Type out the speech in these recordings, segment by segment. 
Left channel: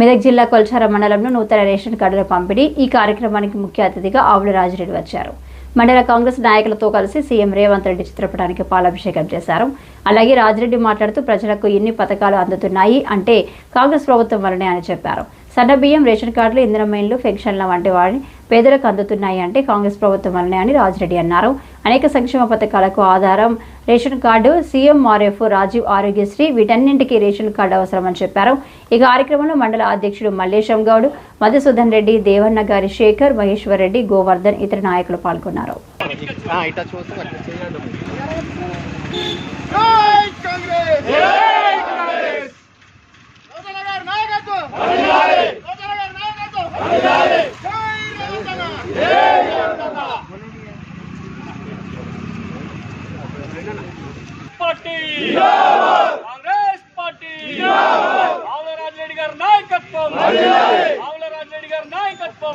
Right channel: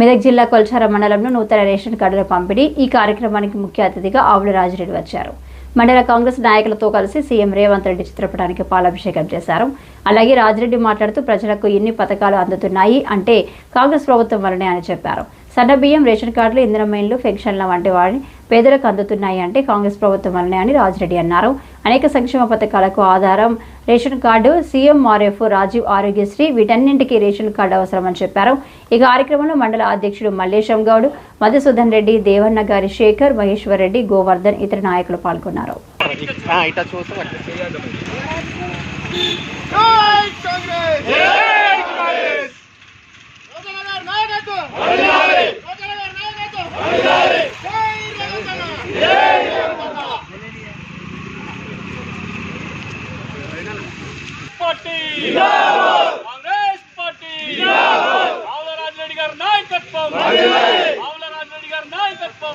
మెదక్ జిల్లా కొల్చార మండలంలో నూతన రేషన్ కార్డుల పంపిణీ ఈ కార్యక్రమానికి ముఖ్య అతిథిగా ఆవుల రాజిరెడ్డి వచ్చారు. మండల కాంగ్రెస్ నాయకులతో కలిసి సీఎం రేవంత్ రెడ్డి చిత్రపటానికి పాలాభిషేకం చేశారు. అలాగే రాజిరెడ్డి మాట్లాడుతూ ప్రజలకు ఎన్ని పథకాలు అందుతున్నాయి అంటే కాంగ్రెస్ ప్రభుత్వం వల్లనే అని చెప్పారు. సన్న బియ్యం, రేషన్ కార్డులు, ఇందిరమైన్లు, పెన్షన్ల వంటి వాటిని పేదలకు అందుతున్నాయి అంటే కాంగ్రెస్ ప్రభుత్వం వల్లనే అని రాజిరెడ్డి అన్నారు. అనేక సంక్షేమ పథకాలకు ఆధారం ration card, CMRF, Rajiv Aarogyasri వీటన్నింటికీ రేషన్ కార్డు అవసరమని చెప్పారు. ఈ కార్యక్రమంలో మండల అధ్యక్షుడు మల్లేశం గౌడ్, మధుసూదన్ రెడ్డి, దేవన్న గారి శేఖర్, మహేశ్వర్ రెడ్డి, గోవర్ధన్ ఇతర నాయకులు పాల్గొన్నారు. కాంగ్రెస్ పార్టీ ఆవుల రాజిరెడ్డి గారి నాయకత్వం, ఆవుల రాజిరెడ్డి గారి నాయకత్వం,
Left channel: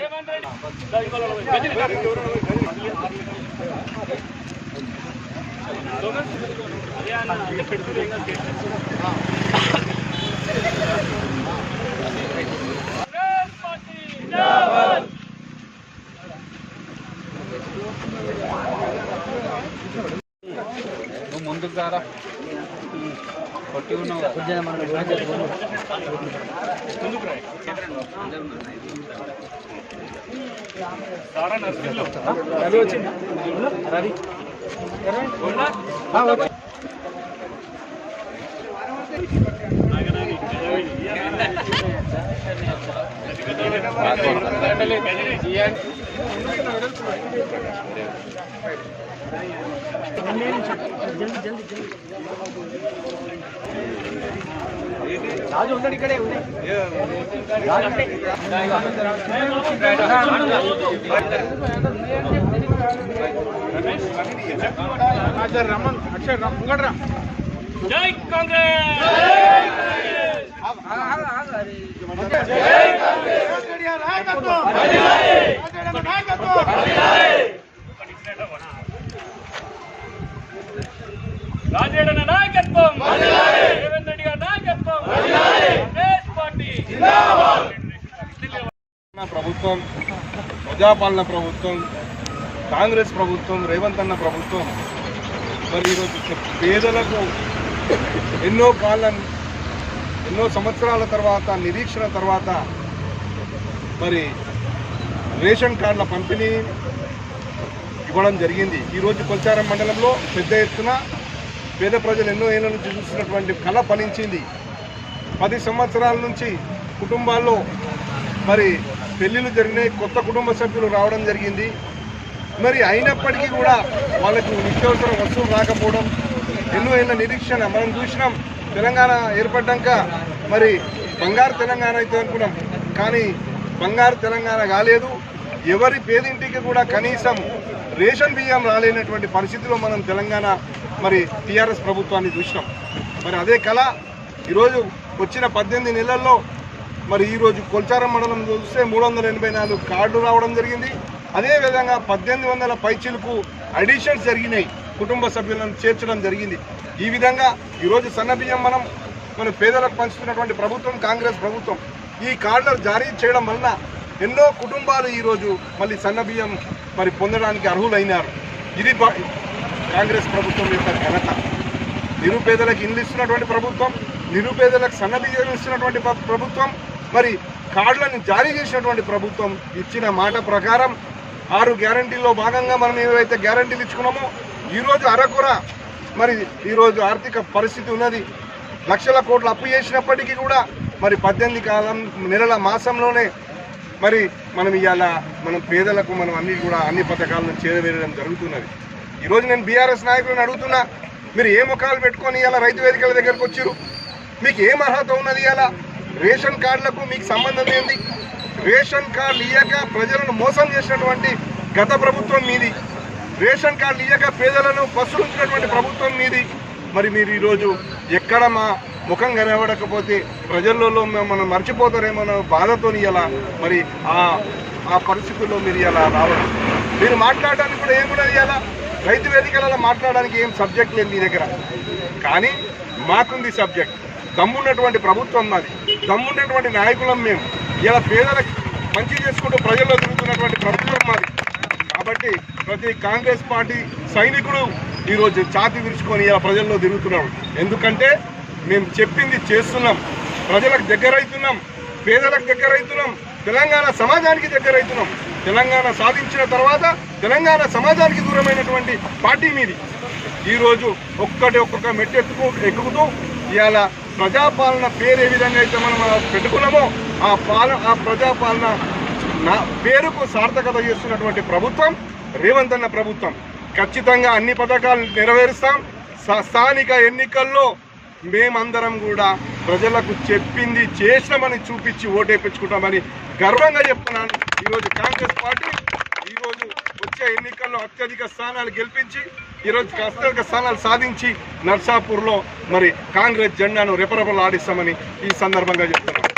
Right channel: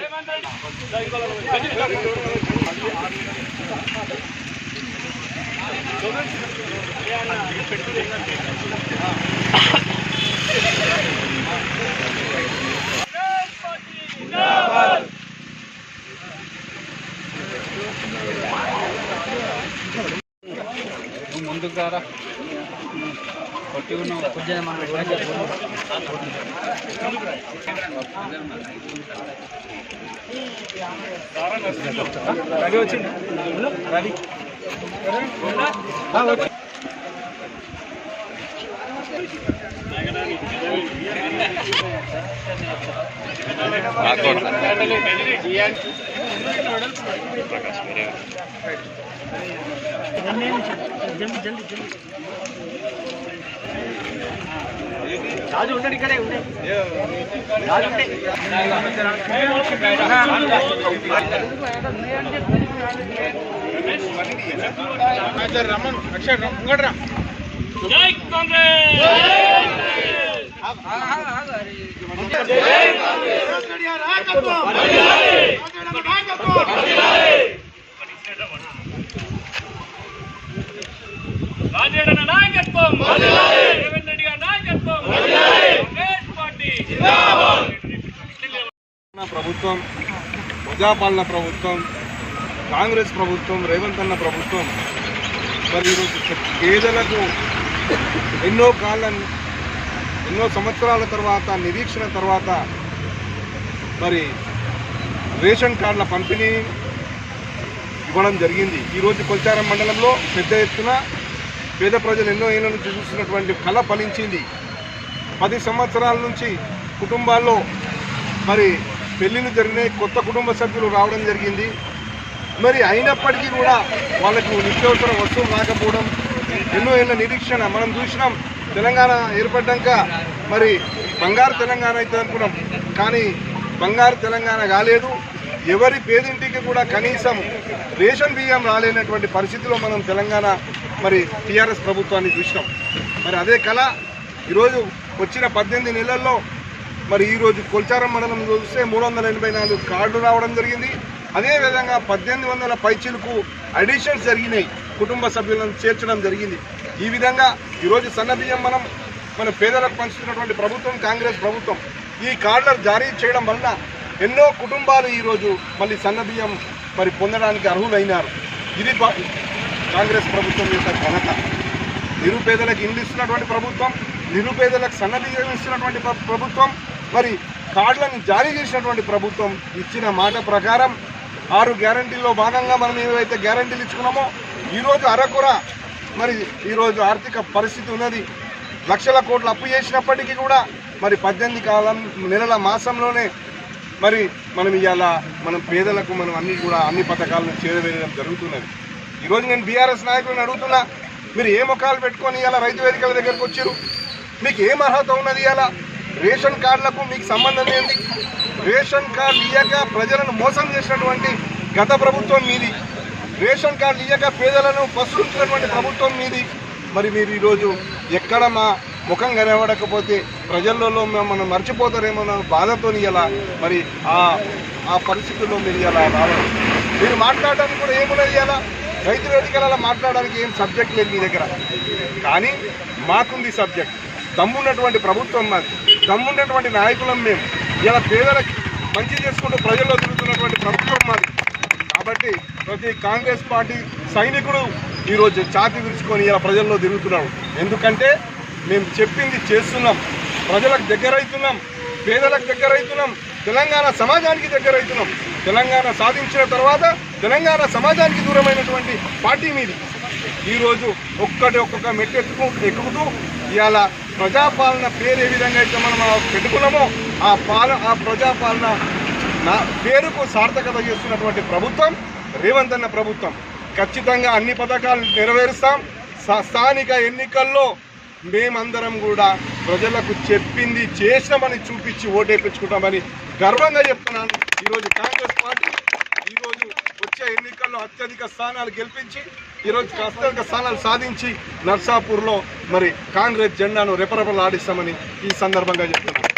రేవంత్ ముందుకు రారా కొట్టి ఉన్నావు రవి వచ్చింది రవి రాజు ఉంటాడు ఇక్కడే జై కాంగ్రెస్, రాజేడన్న నాయకత్వం, రేవంత్ రెడ్డి గారి నాయకత్వం, కాంగ్రెస్ పార్టీ ప్రభుత్వం, ప్రజాపాలన ప్రభుత్వం, కాంగ్రెస్ ప్రభుత్వం, రేవంత్ అన్న ప్రభుత్వం మరి ఈరోజు పేదలకు ఎన్నో సంవత్సరాల తర్వాత నిరీక్షణ తర్వాత మరి రేషన్ కార్డుల పంపిణీ ఇవ్వడం జరిగింది. ఈరోజు కొల్చారం మండలంలో పెద్ద ఎత్తున పేద ప్రజలు ఎన్నో ఏళ్ళ నుంచి చూస్తున్నటువంటి కళ ఫలించింది. 10 సంవత్సరాల నుంచి కుటుంబాల్లో మరి పెళ్ళిళ్ళు జరిగినాయి, కొత్త కుటుంబ సభ్యులు రావడం జరిగింది. మరి అయినప్పటికీ కూడా వాళ్ళకు నిత్యావసర వస్తువులు రాకపోవడం, ఎన్నో ఏళ్ళ నిరీక్షణ మనం చూసినాం. తెలంగాణ ఏర్పడ్డాక మరి బంగారు తెలంగాణ అయితే అనుకున్నాం, కానీ బంగారు తెలంగాణ కాలేదు. ఎవరి పేదింటికి కూడా కనీసం రేషన్ బియ్యం రాలేనటువంటి పరిస్థితిలో మనం తెలంగాణ మరి టీఆర్ఎస్ ప్రభుత్వాన్ని చూసినాం. మరి అదే కళ ఈరోజు వచ్చిన 18 నెలల్లో మరి ఈరోజు కొల్చారం మండలం చూస్తే 384 కార్డులు రావడం జరిగింది. అదేవిధంగా 1800 పైచీలకు అడిషన్స్ జరిగినాయి, కుటుంబ సభ్యులను చేర్చడం జరిగింది. ఈ విధంగా ఈరోజు సన్న బియ్యం మన పేదలకు పంచుతున్నటువంటి ప్రభుత్వం కాంగ్రెస్ ప్రభుత్వం. ఈ కార్డులు జారీ చేయడం వలన ఎన్నో కుటుంబాలు ఈరోజు మళ్ళీ సన్న బియ్యం మరి పొందడానికి అర్హులైనారు. ఇది కాంగ్రెస్ ప్రభుత్వం యొక్క ఘనత. నిరుపేదలకు ఇల్లు ఇస్తున్నటువంటి ప్రభుత్వం, నిరుపేదలకు సన్న బియ్యం ఇస్తున్నటువంటి ప్రభుత్వం, మరి కార్డులను జారీ చేసినటువంటి ప్రభుత్వం. ఇచ్చిన మాట ప్రకారం 6 గ్యారంటీల్లో భాగంగా మనం ఏవైతే గ్యారంటీలు ఇచ్చుకున్నామో ఈరోజు అరకొర మరి ఈరోజు ఆర్థిక పరిస్థితి ఉన్నది. లక్షల కోట్లు అప్పు చేసినప్పటికీ కూడా మరి 18 నెలల మాసంలోనే మరి మనం ఇవాళ మనం పేదలకు మనం అన్ని పథకాలను చేరవేయడం జరుగుతున్నది. ఈరోజు నేను బీఆర్ఎస్ నాయకులను అడుగుతున్నా, మీరు ఏ ముఖాలు పెట్టుకొని ఇలా రైతు వేదికల దగ్గరకు వచ్చారు? మీకు ఏం అర్హత ఉన్నది? ఇలా రేషన్ కార్డులకు మీకు సంబంధం ఏంది? రేషన్ కార్డులు ఇయ్యక ప్రజలను మోసం చేసినటువంటి గత ప్రభుత్వం మీది. రేషన్ కార్డులు ఇయ్యక పేదలను పసులుంచినటువంటి ప్రభుత్వం మీది. మరి మీరు ఈరోజు ఎక్కడ మా ముఖం కనబడకపోతే ప్రజల్లో మనం మర్చిపోతారేమో బాధతో ఇలా మరి ఆ పరిస్థితుల్లో మీరు ఇలా రావడం. మీరు మాట్లాడడానికి కూడా ఏమున్నది? ఇలా రైతు వేదికలలో మాట్లాడడానికి ఏం సబ్జెక్ట్ లేదు మీ దగ్గర, కానీ మాకుంది సబ్జెక్ట్. దమ్మున్నటువంటి ప్రభుత్వం మాది. దమ్మున్నటువంటి నాయకులం మేము. ఇలా పేదలకు మంచి చేసుకుంటూ ప్రజల్లో తిరుగుతున్నటువంటి ప్రభుత్వం మాది. కాబట్టి ప్రతి కాంగ్రెస్ పార్టీ సైనికుడు ఈరోజు ఛాతీ విరుచుకొని ఇలా ప్రజల్లో తిరుగుతున్నాడు. ఎందుకంటే మేము చెప్పింది చేస్తున్నాం, ప్రజలకు దగ్గరైతున్నాం, పేదలకు దగ్గరైతున్నాం, తెలంగాణ సమాజానికి దగ్గరైతున్నాం. తెలంగాణ సాధించిన తర్వాత తెలంగాణ సమాజానికి దూరమైనటువంటి పార్టీ మీది. ఈరోజు ఒక్కొక్క మెట్టు ఎక్కుతూ ఇవాళ ప్రజాపాలన పేరు ఏ విధంగా అయితే మనం పెట్టుకున్నామో ఆ ప్రజాపాలన పేరుకు సార్థకత చేస్తున్నటువంటి ప్రభుత్వం రేవంత్ అన్న ప్రభుత్వం. ఖచ్చితంగా అన్ని పథకాలు నెరవేరుస్తాం. స్థానిక ఎన్నికల్లో మేమందరం కూడా ప్రజలకు చెప్పింది చేసినామని చూపించి ఓటేపించుకుంటామని గర్వంగా చెప్తున్నాను. ఈరోజు కాంగ్రెస్ పార్టీ ఈరోజు వచ్చే ఎన్నికల్లో అత్యధిక స్థానాలు గెలిపించి ఈరోజు అత్యధిక స్థానాలు సాధించి నర్సాపూర్లో మరి కాంగ్రెస్ జెండాను రెపరెపలాడిస్తామని ఈ సందర్భంగా చెప్తున్నాను.